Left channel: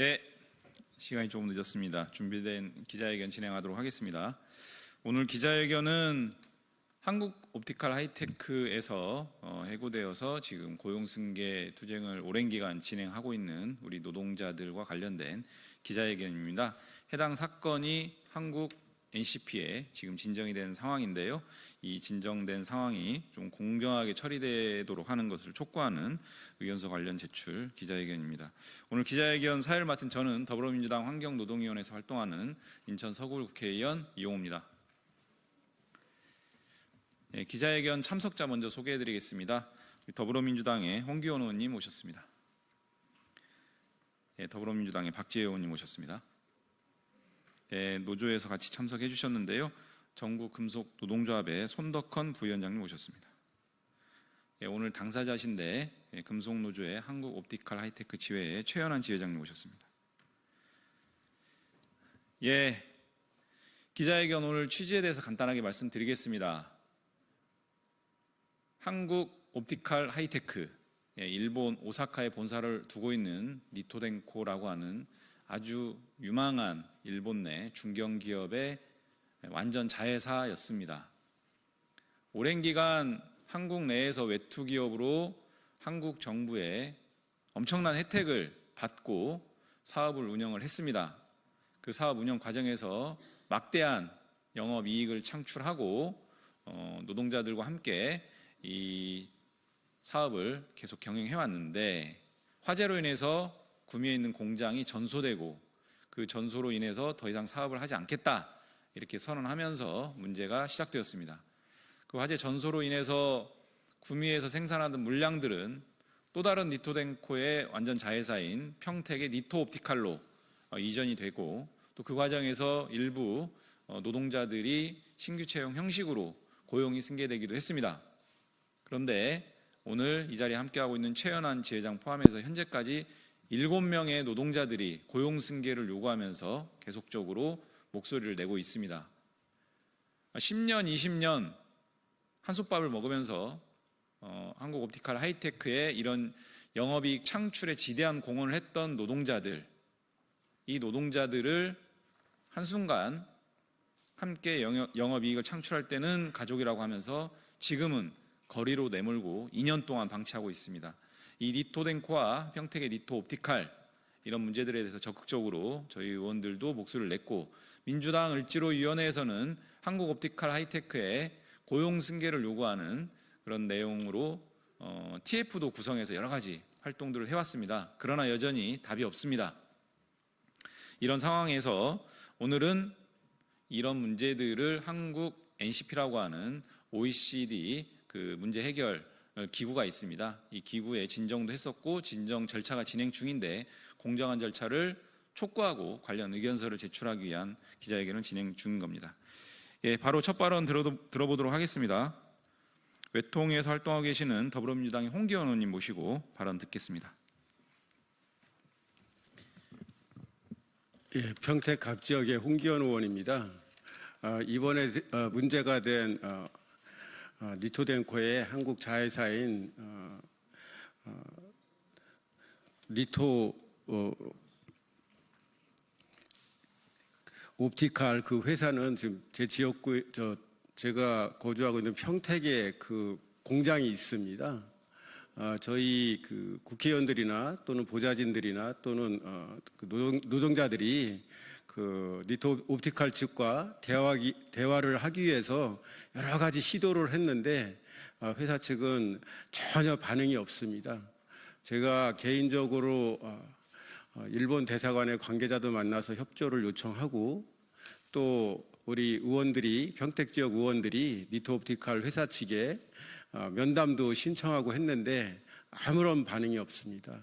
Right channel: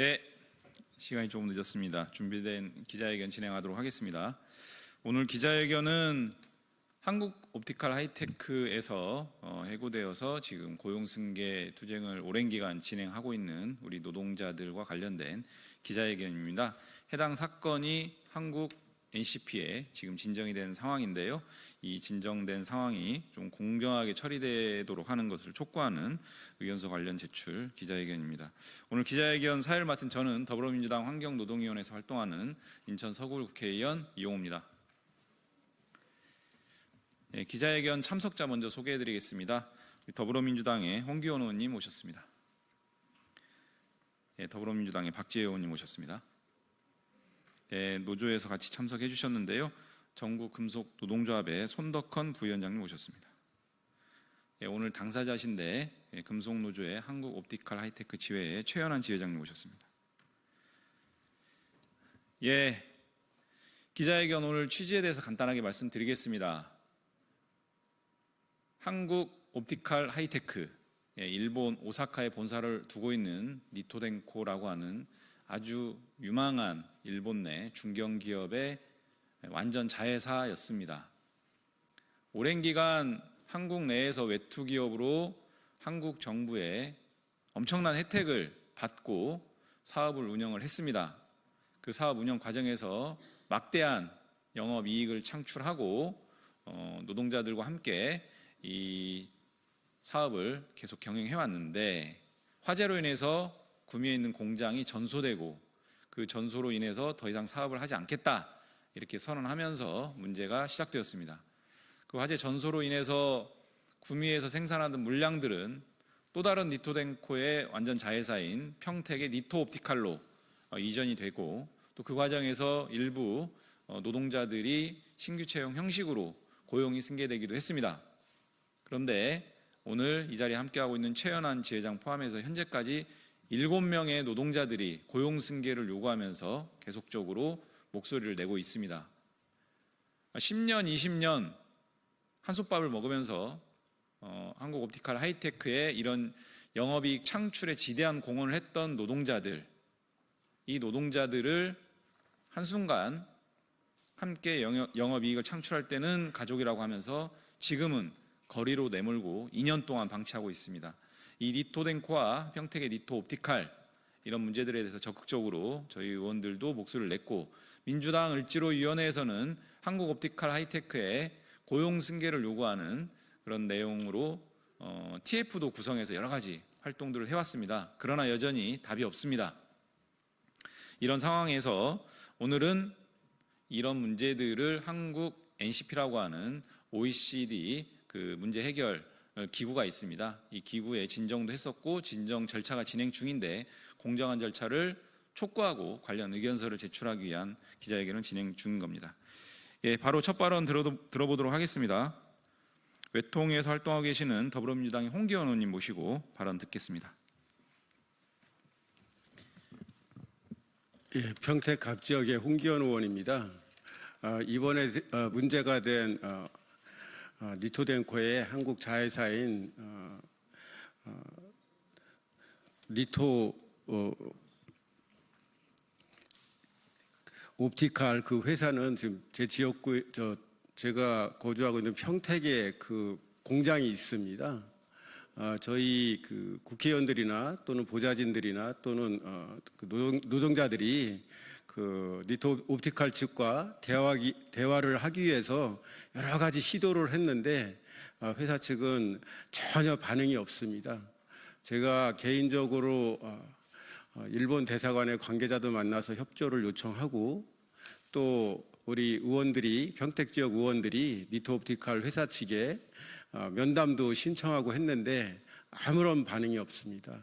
예, 시간이 조금 늦었습니다. 준비된 기자회견 진행하도록 하겠습니다. 오늘 기자회견은 한국 옵티컬 하이테크에서 해고되어서 지금 고용승계 투쟁을 오랜 기간 진행하고 있는 우리 노동자들과 관련된 기자회견입니다. 해당 사건이 한국 NCP에 지금 진정이 된 상황인데요. 이 진정된 상황이 좀 공정하게 처리되도록 하는 것을 촉구하는 의견서 관련 제출 기자회견입니다. 오늘 기자회견 사회를 맡은 저는 더불어민주당 환경노동위원회에서 활동하는 인천 서구 국회의원 이용호입니다. 네, 기자회견 참석자 먼저 소개해드리겠습니다. 더불어민주당의 홍기원 의원님 오셨습니다. 네, 더불어민주당의 박지혜 의원님 오셨습니다. 네, 노조에서 같이 참석해 주셨는데요. 전국금속노동조합의 손덕헌 부위원장님 오셨습니다. 네, 오늘 당사자신데 금속노조의 한국옵티컬 하이테크 지회의 최현환 지회장님 오셨습니다. 예, 기자회견 오늘 취지에 대해서 간단하게 말씀드리겠습니다. 한국옵티컬 하이테크, 일본 오사카에 본사를 두고 있는 니토덴코라고 하는 아주 유망한 일본 내 중견기업의 완전 자회사였습니다. 오랜 기간 한국 내에서 외투기업으로 한국 정부의 엄청난 혜택을 받고 사업을 운영을 했습니다. 그 사업 운영 과정에서 막대한 영업이익을 창출하고 노동자들과 함께 이 사업을 계속 경영해왔는데 화재로 인해서 구미에 있는 공장이 전소되고 그 전소로 인해서 더 이상 사업을 하지 않겠다 이렇게 선언하면서 문제가 시작되었습니다. 그 화재 전소로 인해서 구미에서 생산하던 물량들은 또 다른 니토덴코의 완전 자회사인 평택의 니토옵티칼로 이전이 되고 또 그 과정에서 일부 노동자들이 신규 채용 형식으로 고용이 승계되기도 했습니다. 그런데 오늘 이 자리에 함께하고 있는 최현환 지회장 포함해서 현재까지 7명의 노동자들이 고용 승계를 요구하면서 계속적으로 목소리를 내고 있습니다. 10년, 20년 한솥밥을 먹으면서 한국 옵티컬 하이테크의 이런 영업이익 창출에 지대한 공헌을 했던 노동자들, 이 노동자들을 한순간 함께 영업이익을 창출할 때는 가족이라고 하면서 지금은 거리로 내몰고 2년 동안 방치하고 있습니다. 이 니토덴코와 평택의 니토옵티칼 이런 문제들에 대해서 적극적으로 저희 의원들도 목소리를 냈고 민주당 을지로위원회에서는 한국옵티컬 하이테크의 고용 승계를 요구하는 그런 내용으로 TF도 구성해서 여러 가지 활동들을 해왔습니다. 그러나 여전히 답이 없습니다. 이런 상황에서 오늘은 이런 문제들을 한국 NCP라고 하는 OECD 그 문제 해결 기구가 있습니다. 이 기구에 진정도 했었고 진정 절차가 진행 중인데 공정한 절차를 촉구하고 관련 의견서를 제출하기 위한 기자회견을 진행 중인 겁니다. 예, 바로 첫 발언 들어보도록 하겠습니다. 외통에서 활동하고 계시는 더불어민주당의 홍기원 의원님 모시고 발언 듣겠습니다. 예, 평택 갑지역의 홍기원 의원입니다. 이번에 문제가 된 니토덴코의 한국 자회사인 니토 옵티칼 그 회사는 지금 제 지역구 제가 거주하고 있는 평택에 그 공장이 있습니다. 저희 그 국회의원들이나 또는 보좌진들이나 또는 노동자들이 그 니토 옵티칼 측과 대화를 하기 위해서 여러 가지 시도를 했는데 회사 측은 전혀 반응이 없습니다. 제가 개인적으로 일본 대사관의 관계자도 만나서 협조를 요청하고 또 우리 의원들이 평택 지역 의원들이 니토 옵티칼 회사 측에 면담도 신청하고 했는데 아무런 반응이 없습니다.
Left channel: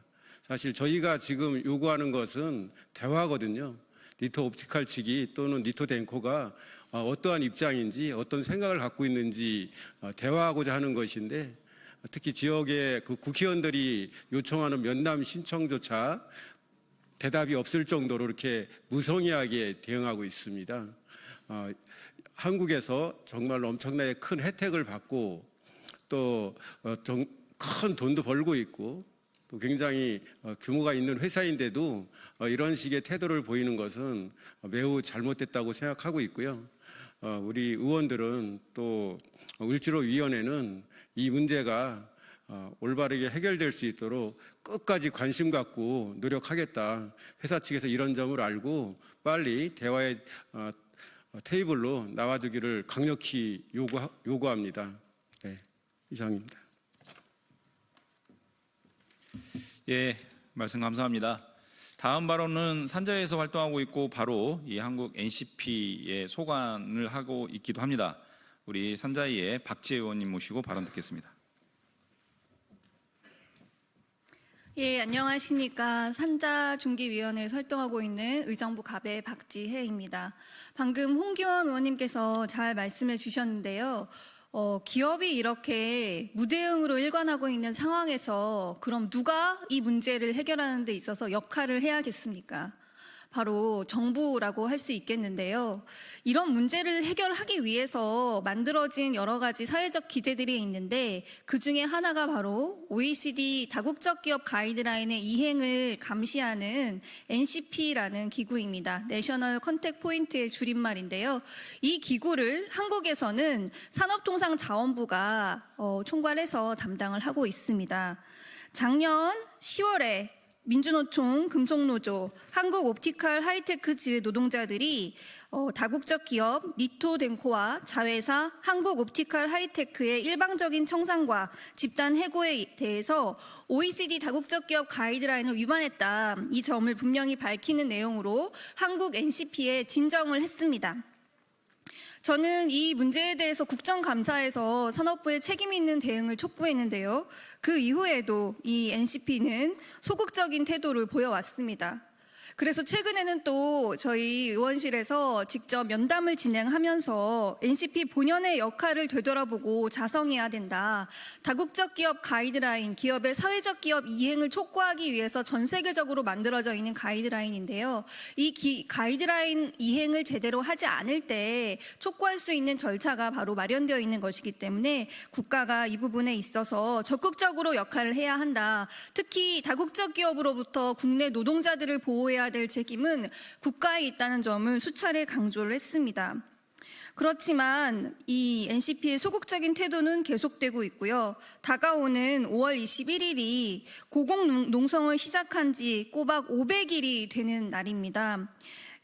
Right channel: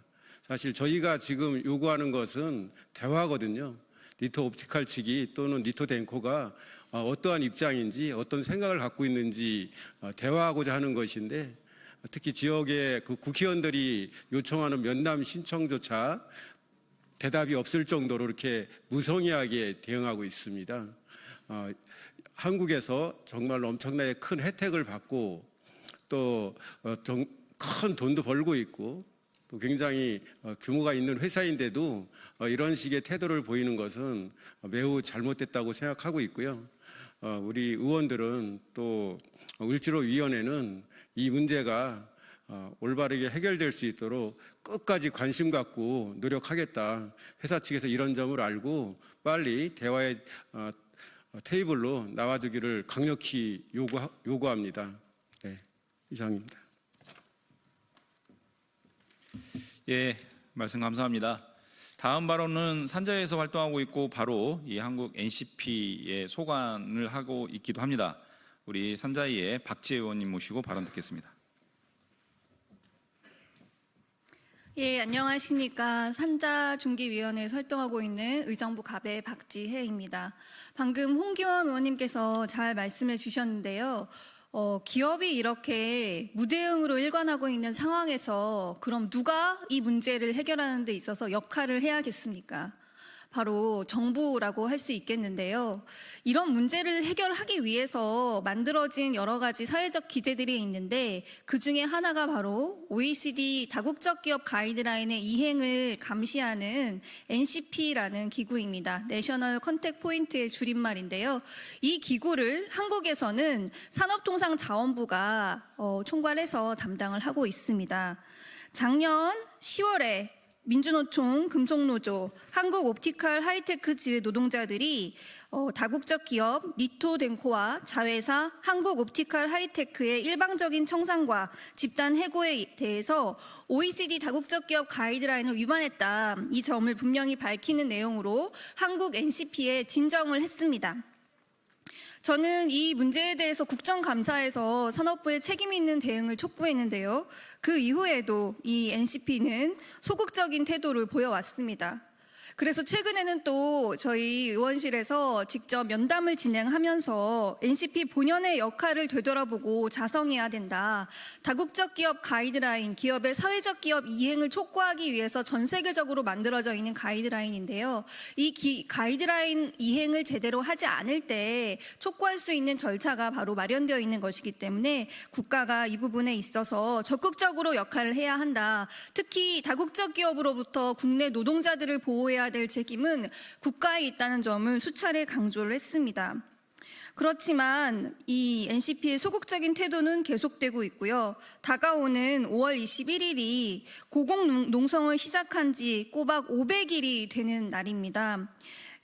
사실 저희가 지금 요구하는 것은 대화거든요. 니토 옵티칼 측이 또는 니토덴코가 어떠한 입장인지 어떤 생각을 갖고 있는지 대화하고자 하는 것인데 특히 지역의 그 국회의원들이 요청하는 면담 신청조차 대답이 없을 정도로 이렇게 무성의하게 대응하고 있습니다. 한국에서 정말 엄청나게 큰 혜택을 받고 또 큰 돈도 벌고 있고 또 굉장히 규모가 있는 회사인데도 이런 식의 태도를 보이는 것은 매우 잘못됐다고 생각하고 있고요. 우리 의원들은 또 을지로위원회는 이 문제가 올바르게 해결될 수 있도록 끝까지 관심 갖고 노력하겠다. 회사 측에서 이런 점을 알고 빨리 대화의 테이블로 나와주기를 강력히 요구합니다. 네, 이상입니다. 예, 말씀 감사합니다. 다음 발언은 산자에서 활동하고 있고 바로 이 한국 NCP의 소관을 하고 있기도 합니다. 우리 산자위의 박지혜 의원님 모시고 발언 듣겠습니다. 예, 안녕하십니까. 산자중기위원회에서 활동하고 있는 의정부 갑의 박지혜입니다. 방금 홍기원 의원님께서 잘 말씀해 주셨는데요. 기업이 이렇게 무대응으로 일관하고 있는 상황에서 그럼 누가 이 문제를 해결하는 데 있어서 역할을 해야겠습니까? 바로 정부라고 할 수 있겠는데요. 이런 문제를 해결하기 위해서 만들어진 여러 가지 사회적 기제들이 있는데 그중에 하나가 바로 OECD 다국적 기업 가이드라인의 이행을 감시하는 NCP라는 기구입니다. 내셔널 컨택 포인트의 줄임말인데요. 이 기구를 한국에서는 산업통상자원부가 총괄해서 담당을 하고 있습니다. 작년 10월에 민주노총, 금속노조, 한국옵티컬 하이테크 지회 노동자들이 다국적 기업 니토덴코와 자회사 한국옵티컬 하이테크의 일방적인 청산과 집단 해고에 대해서 OECD 다국적 기업 가이드라인을 위반했다. 이 점을 분명히 밝히는 내용으로 한국 NCP에 진정을 했습니다. 저는 이 문제에 대해서 국정감사에서 산업부의 책임 있는 대응을 촉구했는데요. 그 이후에도 이 NCP는 소극적인 태도를 보여왔습니다. 그래서 최근에는 또 저희 의원실에서 직접 면담을 진행하면서 NCP 본연의 역할을 되돌아보고 자성해야 된다. 다국적 기업 가이드라인, 기업의 사회적 기업 이행을 촉구하기 위해서 전 세계적으로 만들어져 있는 가이드라인인데요. 이 가이드라인 이행을 제대로 하지 않을 때 촉구할 수 있는 절차가 바로 마련되어 있는 것이기 때문에 국가가 이 부분에 있어서 적극적으로 역할을 해야 한다. 특히 다국적 기업으로부터 국내 노동자들을 보호해야 될 책임은 국가에 있다는 점을 수차례 강조를 했습니다. 그렇지만 이 NCP의 소극적인 태도는 계속되고 있고요. 다가오는 5월 21일이 고공농성을 시작한 지 꼬박 500일이 되는 날입니다.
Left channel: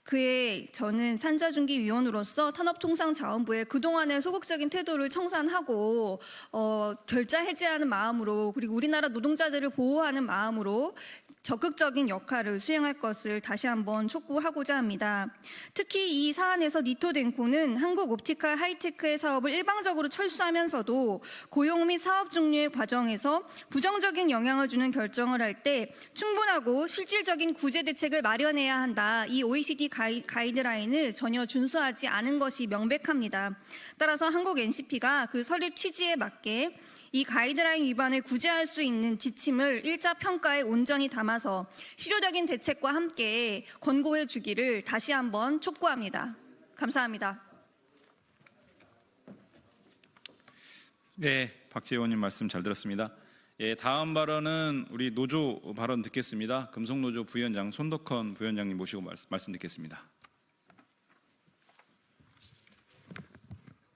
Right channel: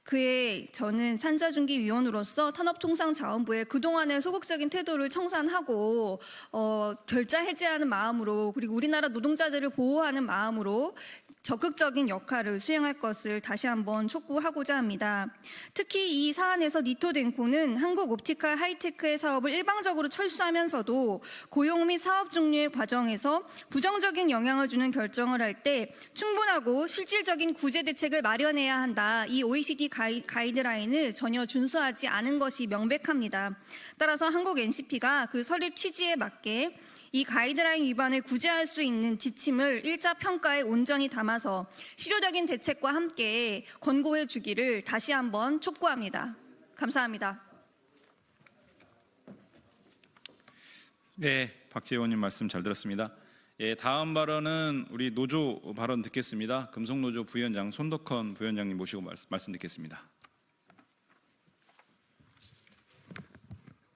그에 저는 산자중기위원으로서 산업통상자원부의 그동안의 소극적인 태도를 청산하고 결자 해제하는 마음으로 그리고 우리나라 노동자들을 보호하는 마음으로 적극적인 역할을 수행할 것을 다시 한번 촉구하고자 합니다. 특히 이 사안에서 니토덴코는 한국 옵티컬 하이테크의 사업을 일방적으로 철수하면서도 고용 및 사업 종료의 과정에서 부정적인 영향을 주는 결정을 할 때 충분하고 실질적인 구제 대책을 마련해야 한다. 이 OECD 가이드라인을 전혀 준수하지 않은 것이 명백합니다. 따라서 한국 NCP가 그 설립 취지에 맞게 이 가이드라인 위반을 구제할 수 있는 지침을 1차 평가에 온전히 담아서 실효적인 대책과 함께 권고해 주기를 다시 한번 촉구합니다. 감사합니다. 네, 박지혜 의원님 말씀 잘 들었습니다. 예, 다음 발언은 우리 노조 발언 듣겠습니다. 금속노조 부위원장 손덕헌 부위원장님 모시고 말씀 듣겠습니다.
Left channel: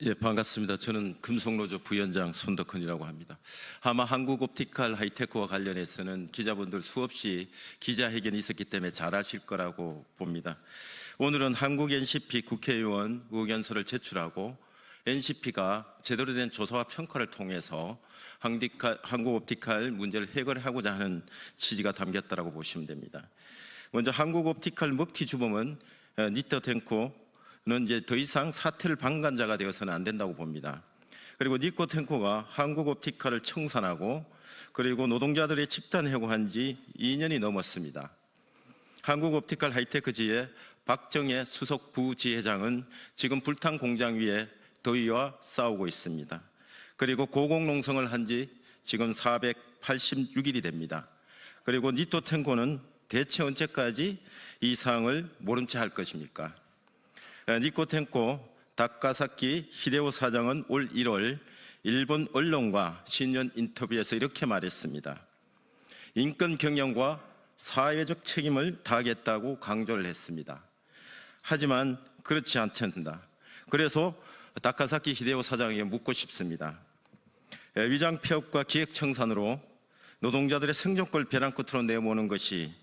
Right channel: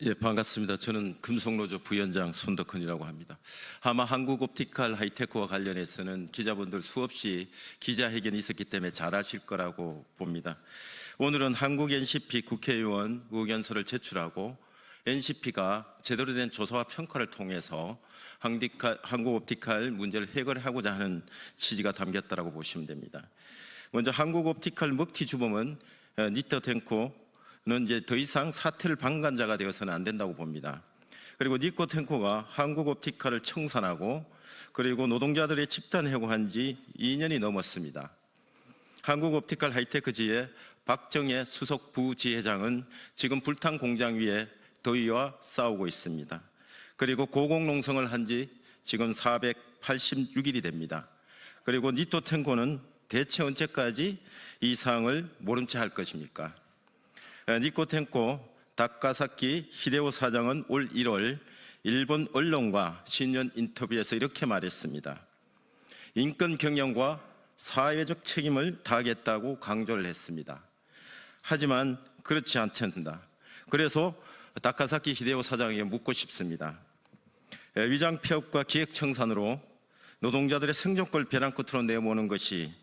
예, 반갑습니다. 저는 금속노조 부위원장 손덕헌이라고 합니다. 아마 한국옵티컬 하이테크와 관련해서는 기자분들 수없이 기자회견이 있었기 때문에 잘 아실 거라고 봅니다. 오늘은 한국 NCP 국회의원 의견서를 제출하고 NCP가 제대로 된 조사와 평가를 통해서 한국옵티컬 문제를 해결하고자 하는 취지가 담겼다고 보시면 됩니다. 먼저 한국옵티컬 먹튀 주범은 니토덴코는 이제 더 이상 사태를 방관자가 되어서는 안 된다고 봅니다. 그리고 니코텐코가 한국옵티컬을 청산하고 그리고 노동자들의 집단 해고한 지 2년이 넘었습니다. 한국옵티컬 하이테크지의 박정혜 수석 부지회장은 지금 불탄 공장 위에 더위와 싸우고 있습니다. 그리고 고공농성을 한 지 지금 486일이 됩니다. 그리고 니토텐코는 대체 언제까지 이 사항을 모른 채 할 것입니까? 니코텐코 다카사키 히데오 사장은 올 1월 일본 언론과 신년 인터뷰에서 이렇게 말했습니다. 인권 경영과 사회적 책임을 다하겠다고 강조를 했습니다. 하지만 그렇지 않습니다. 그래서 다카사키 히데오 사장에게 묻고 싶습니다. 위장 폐업과 기획 청산으로 노동자들의 생존권을 벼랑 끝으로 내모는 것이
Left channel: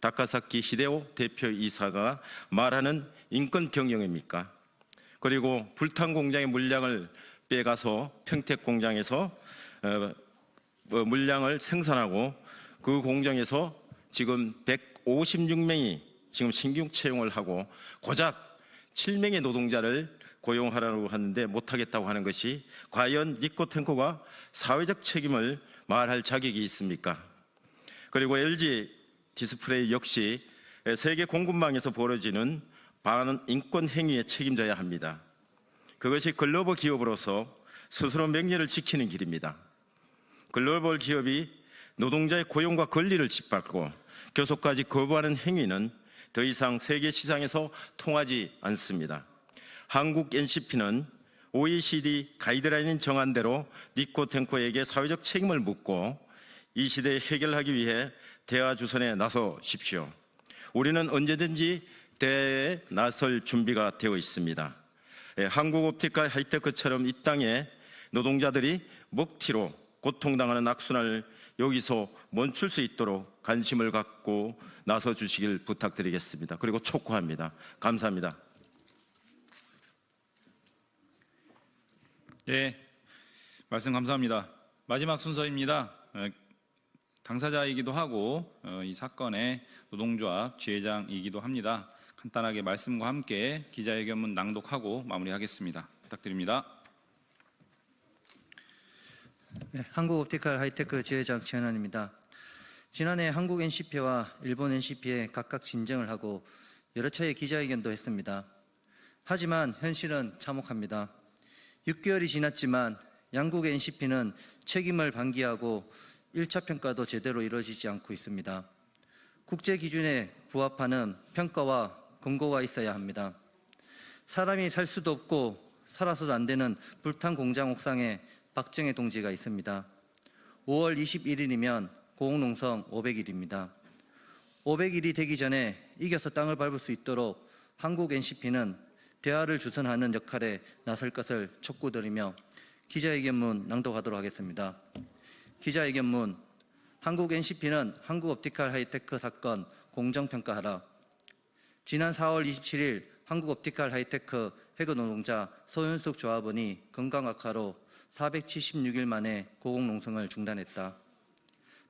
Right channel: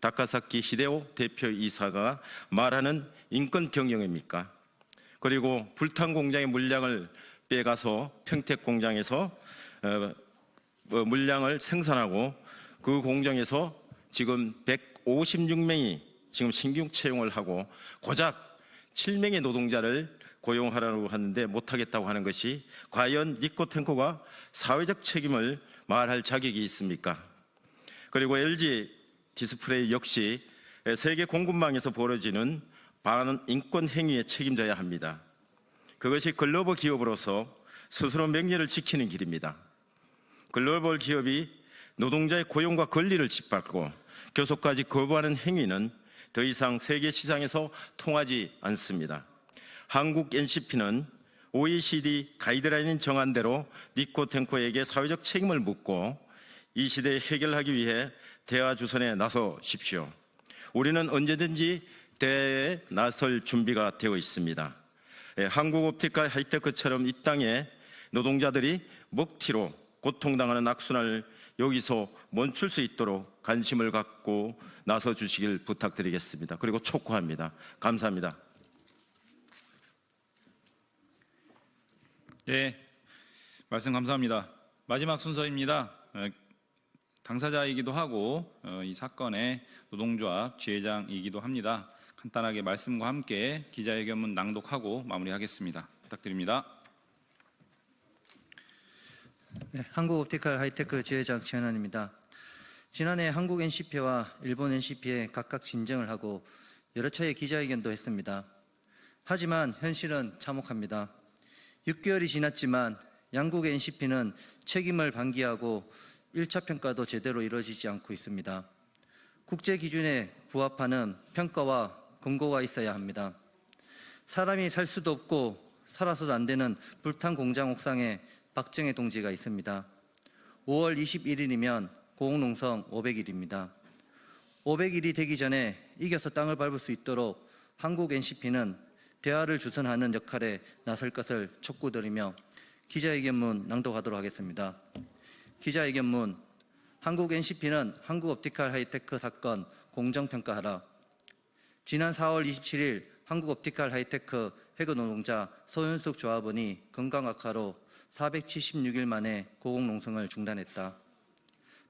다카사키 히데오 대표이사가 말하는 인권 경영입니까? 그리고 불탄 공장의 물량을 빼가서 평택 공장에서 물량을 생산하고 그 공장에서 지금 156명이 지금 신규 채용을 하고 고작 7명의 노동자를 고용하라고 하는데 못하겠다고 하는 것이 과연 니코탱코가 사회적 책임을 말할 자격이 있습니까? 그리고 LG 디스플레이 역시 세계 공급망에서 벌어지는 반인권 행위에 책임져야 합니다. 그것이 글로벌 기업으로서 스스로 명예를 지키는 길입니다. 글로벌 기업이 노동자의 고용과 권리를 짓밟고 교섭까지 거부하는 행위는 더 이상 세계 시장에서 통하지 않습니다. 한국 NCP는 OECD 가이드라인인 정한 대로 니코탱코에게 사회적 책임을 묻고 이 시대에 해결하기 위해 대화 주선에 나서십시오. 우리는 언제든지 대화에 나설 준비가 되어 있습니다. 한국옵티컬 하이테크처럼 이 땅에 노동자들이 먹튀로 고통당하는 악순환을 여기서 멈출 수 있도록 관심을 갖고 나서 주시길 부탁드리겠습니다. 그리고 촉구합니다. 감사합니다. 예, 말씀 감사합니다. 마지막 순서입니다. 당사자이기도 하고 이 사건의 노동조합 지회장이기도 합니다. 간단하게 말씀과 함께 기자회견문 낭독하고 마무리하겠습니다. 부탁드립니다. 네, 한국옵티컬 하이테크 지회장 최현환입니다. 지난해 한국 NCP와 일본 NCP에 각각 진정을 하고 여러 차례 기자회견도 했습니다. 하지만 현실은 참혹합니다. 6개월이 지났지만 양국의 NCP는 책임을 방기하고 1차 평가도 제대로 이루어지지 않고 있습니다. 국제 기준에 부합하는 평가와 권고가 있어야 합니다. 사람이 살 수도 없고 살아서도 안 되는 불탄 공장 옥상에 박정혜 동지가 있습니다. 5월 21일이면 고흥농성 500일입니다. 500일이 되기 전에 이겨서 땅을 밟을 수 있도록 한국 NCP는 대화를 주선하는 역할에 나설 것을 촉구드리며 기자회견문 낭독하도록 하겠습니다. 기자회견문. 한국 NCP는 한국옵티컬 하이테크 사건 공정평가하라. 지난 4월 27일 한국옵티컬 하이테크 해고 노동자 소윤숙 조합원이 건강 악화로 476일 만에 고공농성을 중단했다.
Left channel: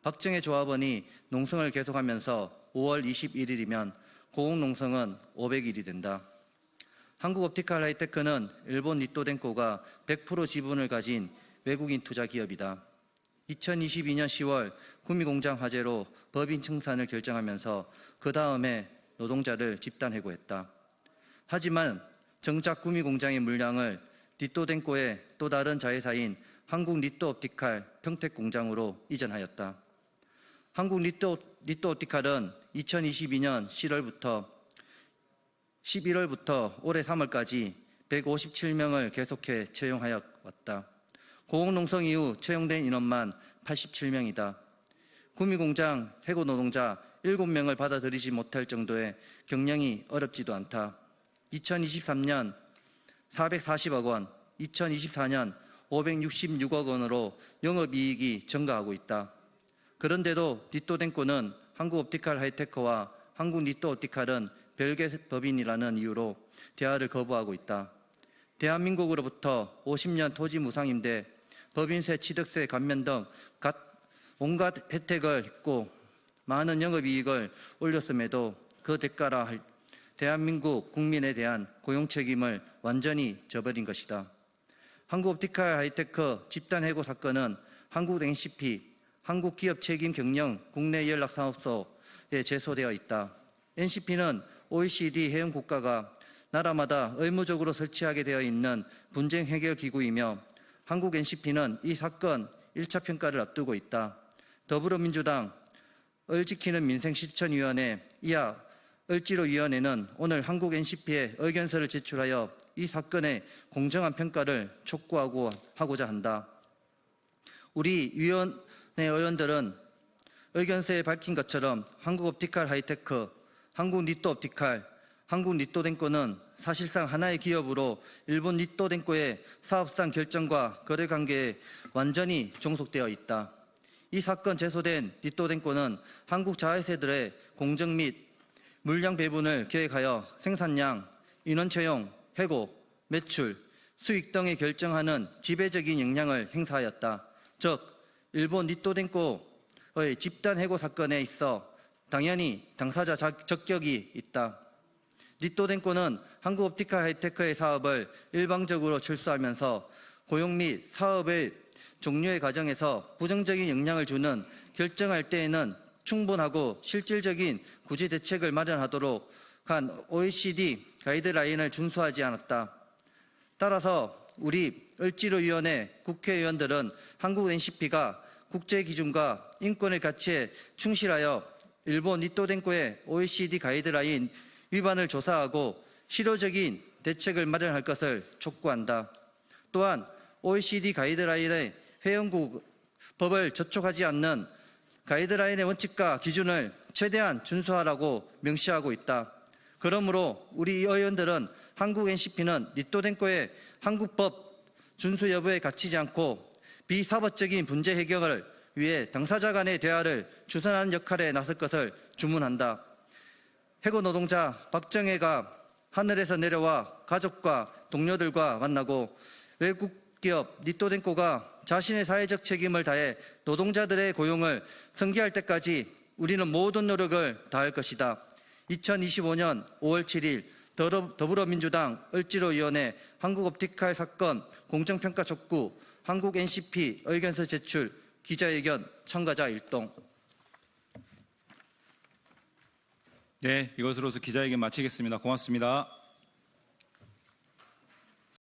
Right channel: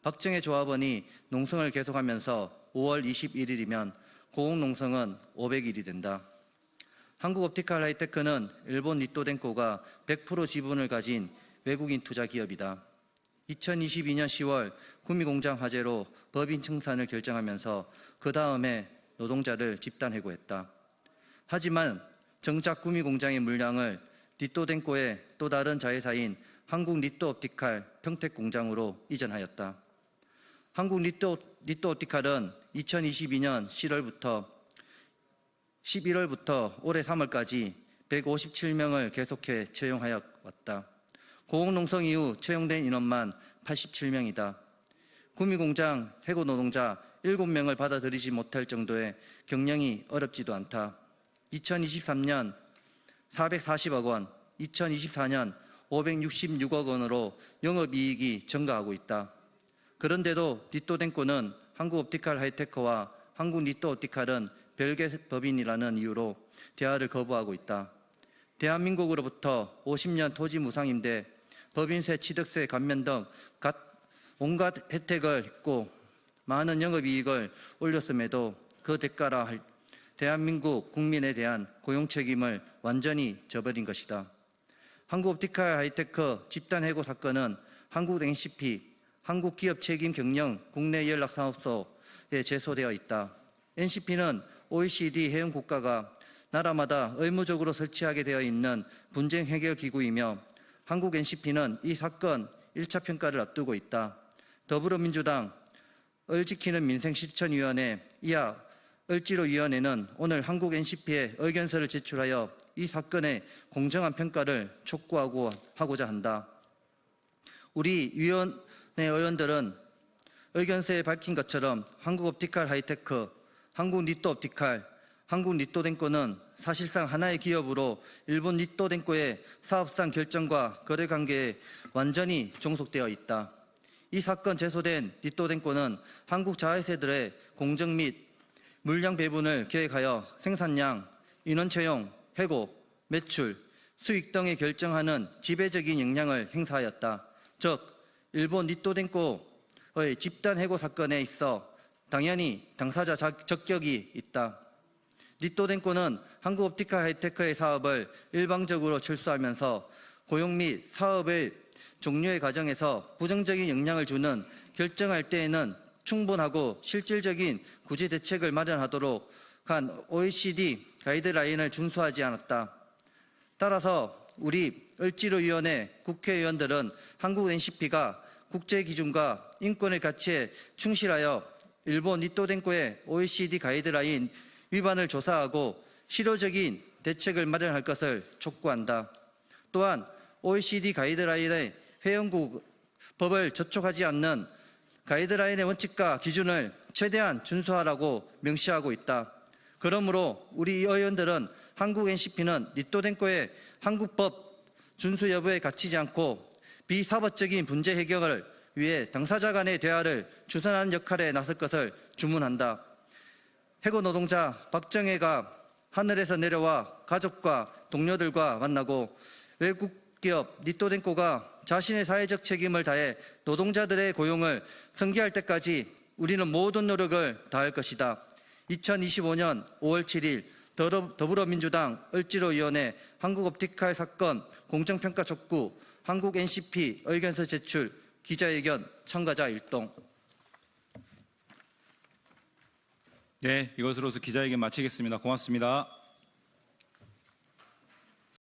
박정혜 조합원이 농성을 계속하면서 5월 21일이면 고공농성은 500일이 된다. 한국옵티컬 하이테크는 일본 니토덴코가 100% 지분을 가진 외국인 투자 기업이다. 2022년 10월 구미공장 화재로 법인 청산을 결정하면서 그 다음에 노동자를 집단 해고했다. 하지만 정작 구미공장의 물량을 니토덴코의 또 다른 자회사인 한국 니토옵티칼 평택공장으로 이전하였다. 한국 니토옵티칼은 2022년 11월부터 올해 3월까지 157명을 계속해 채용하여 왔다. 고공농성 이후 채용된 인원만 87명이다. 구미공장 해고 노동자 7명을 받아들이지 못할 정도의 경영이 어렵지도 않다. 2023년 440억 원, 2024년 566억 원으로 영업이익이 증가하고 있다. 그런데도 니토덴코는 한국옵티컬 하이테크와 한국 니토옵티칼은 별개 법인이라는 이유로 대화를 거부하고 있다. 대한민국으로부터 50년 토지 무상임대, 법인세, 취득세 감면 등 온갖 혜택을 했고 많은 영업이익을 올렸음에도 그 대가라 할 대한민국 국민에 대한 고용 책임을 완전히 저버린 것이다. 한국옵티컬 하이테크 집단 해고 사건은 한국 NCP, 한국기업책임경영 국내연락사업소에 제소되어 있다. NCP는 OECD 회원 국가가 나라마다 의무적으로 설치하게 되어 있는 분쟁 해결 기구이며 한국 NCP는 이 사건 1차 평가를 앞두고 있다. 더불어민주당 을지키는 민생실천위원회 이하 을지로위원회는 오늘 한국 NCP에 의견서를 제출하여 이 사건의 공정한 평가를 촉구하고자 한다. 우리 위원회 의원들은 의견서에 밝힌 것처럼 한국옵티칼 하이테크, 한국리또옵티칼, 한국리또덴코는 사실상 하나의 기업으로 일본 리또덴코의 사업상 결정과 거래 관계에 완전히 종속되어 있다. 이 사건 제소된 리또덴코는 한국 자회사들의 공정 및 물량 배분을 계획하여 생산량, 인원 채용, 해고, 매출, 수익 등을 결정하는 지배적인 역량을 행사하였다. 즉, 일본 리또덴코의 집단 해고 사건에 있어 당연히 당사자 적격이 있다. 리또덴코는 한국옵티칼 하이테크의 사업을 일방적으로 출수하면서 고용 및 사업의 종료의 과정에서 부정적인 영향을 주는 결정할 때에는 충분하고 실질적인 구제 대책을 마련하도록 한 OECD 가이드라인을 준수하지 않았다. 따라서 우리 을지로위원회 국회의원들은 한국 NCP가 국제기준과 인권의 가치에 충실하여 일본 리또덴코의 OECD 가이드라인 위반을 조사하고 실효적인 대책을 마련할 것을 촉구한다. 또한 OECD 가이드라인의 회원국 법을 저촉하지 않는 가이드라인의 원칙과 기준을 최대한 준수하라고 명시하고 있다. 그러므로 우리 의원들은 한국 NCP는 리또덴코의 한국법 준수 여부에 갇히지 않고 비사법적인 문제 해결을 위해 당사자 간의 대화를 주선하는 역할에 나설 것을 주문한다. 해고 노동자 박정혜가 하늘에서 내려와 가족과 동료들과 만나고 외국 기업 리또덴코가 자신의 사회적 책임을 다해 노동자들의 고용을 승계할 때까지 우리는 모든 노력을 다할 것이다. 2025년 5월 7일 더불어민주당 을지로위원회 한국옵티칼 사건 공정평가 촉구 한국 NCP 의견서 제출 기자회견 참가자 일동. 네, 이것으로서 기자회견 마치겠습니다. 고맙습니다.